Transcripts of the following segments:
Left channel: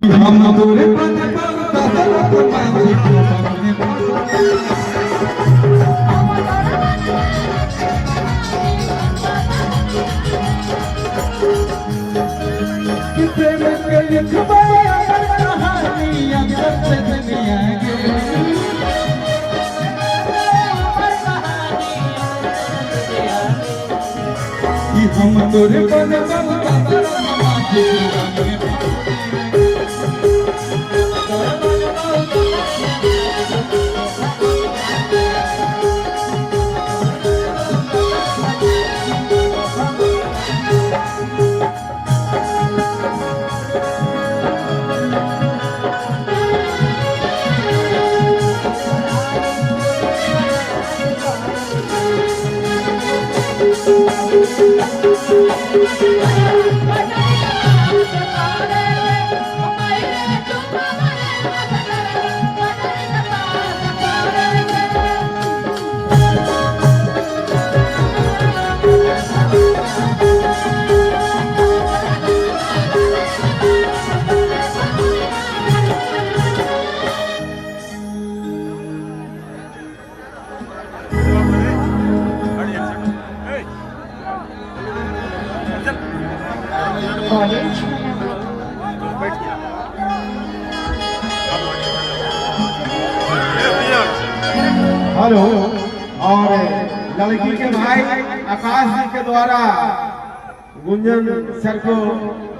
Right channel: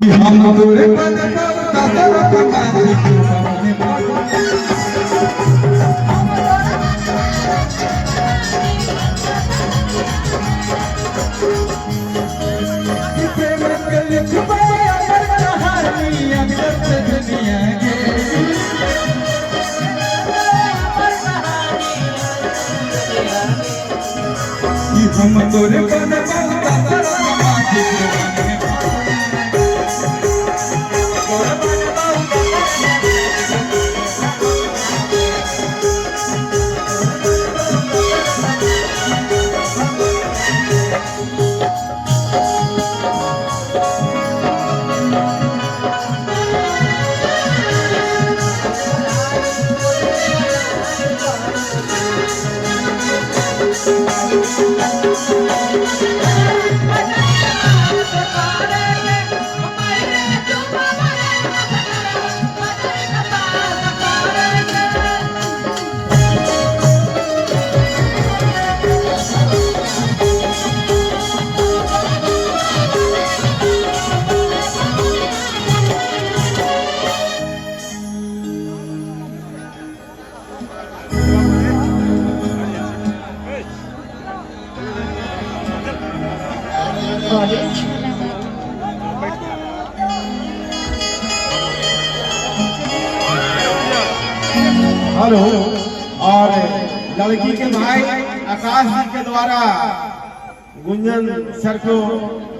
हम दूर बन कसरत मानी प्रेम के लिखवाए अमर कहानी अंदर दुनिया के हम दूर बन कसरत मानी हेलो। और लड़की के भाई आकाश जी के द्वारा गुंजन सर को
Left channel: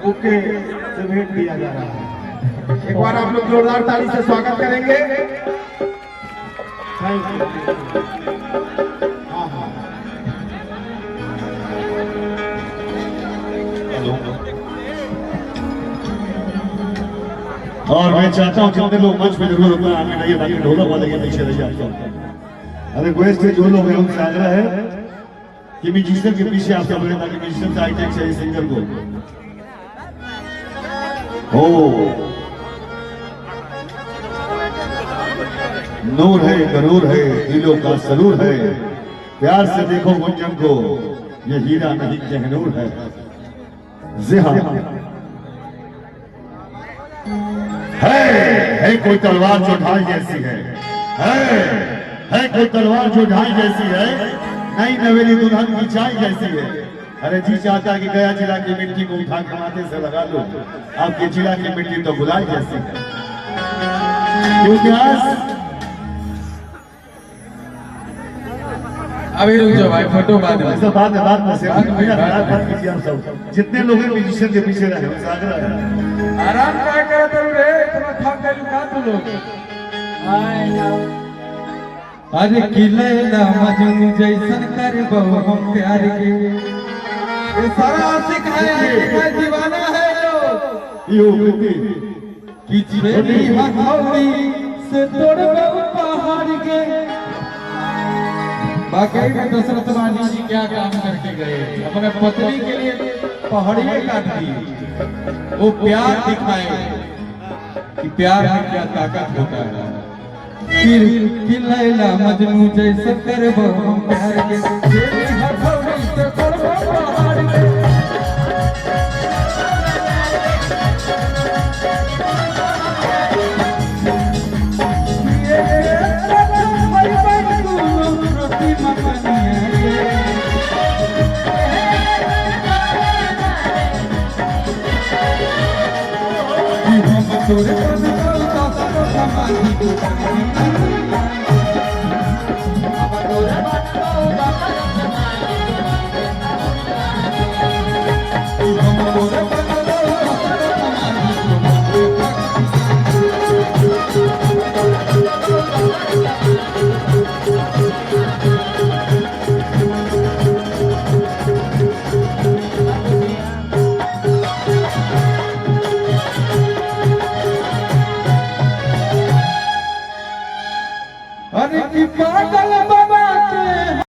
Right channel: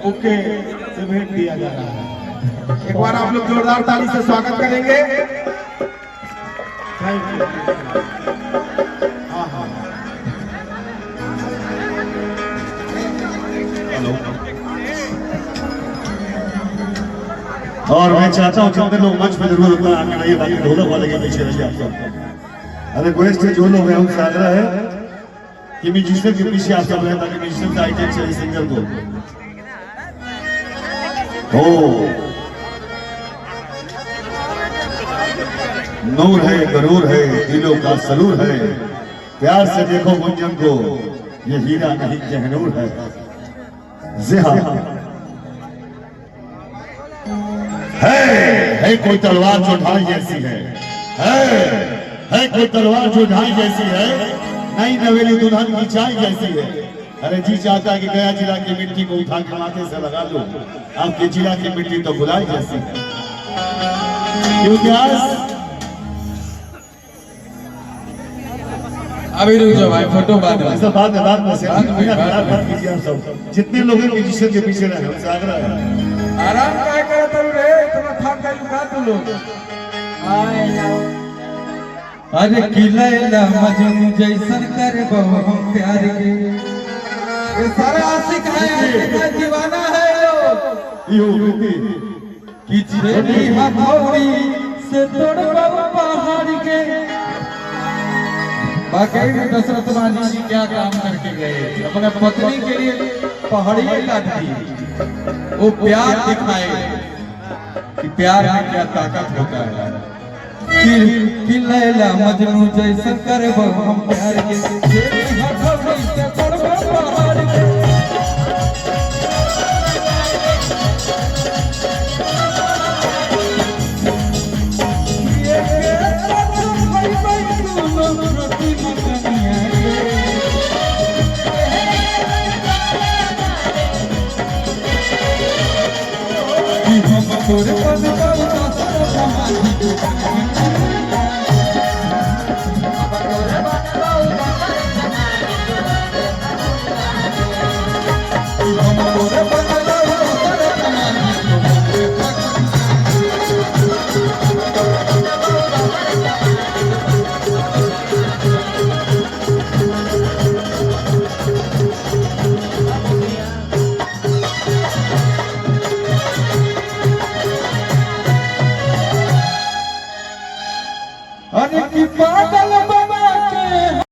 ओके से भेंट दिया जा रहा है। एक बार आप लोग जोरदार ताली से स्वागत करेंगे। Thank you. हाँ। और मैं चाहता हूँ कितने लोग मंच पे जरूर होता है आगे रहिए, बाकी ढोलक वाले के पीछे रहिए आप सब। रिक्वेस्ट है जो लोग हैं उनसे आग्रह है कि म्यूजिशियन के पीछे आप सब रहें ताकि म्यूजिशियन का आइटम चाहिए सिंगर को। नूर है, गरूर है, दिलों का सरूर है, प्यार से देखो गुंजन को, ये हीरा नहीं कहनूर है। है कोई तलवार जो ढाल जैसी है कोई तलवार जो ढाल जैसी है, नई नवेली दुल्हन की चाय जैसी है। अरे जी चाहता है कि गया जिला की मिट्टी को उठा के माथे से लगा लो, आपके जिला की मिट्टी तो गुलाल जैसी है। क्योंकि आज अभी रुक जाओ भाई, फोटो बाद में ऐसा बात कीजिए आप सब जितने लोग हैं म्यूजिशियन के पीछे रहे, आग्रह है। आराम क्या करते रे, इतना थक गए का तू लोग। अरे किलैला मजनू जैसन करबो हम प्यार के, ये सारा आशिक है दीवाना है यो कि चिरनी हथौड़ी से तोड़बो पहाड़ के। बाकी दशरथ रानी जी क्या काम करके गए, अपने पत्नी के लिए पहाड़ी काट दी। वो प्यार दिखाए कि प्यार में क्या ताकत होता है। कि लैला मजनू जैसे करबो हम प्यार के, हथौड़ी से तोड़बो पहाड़ के। तोरे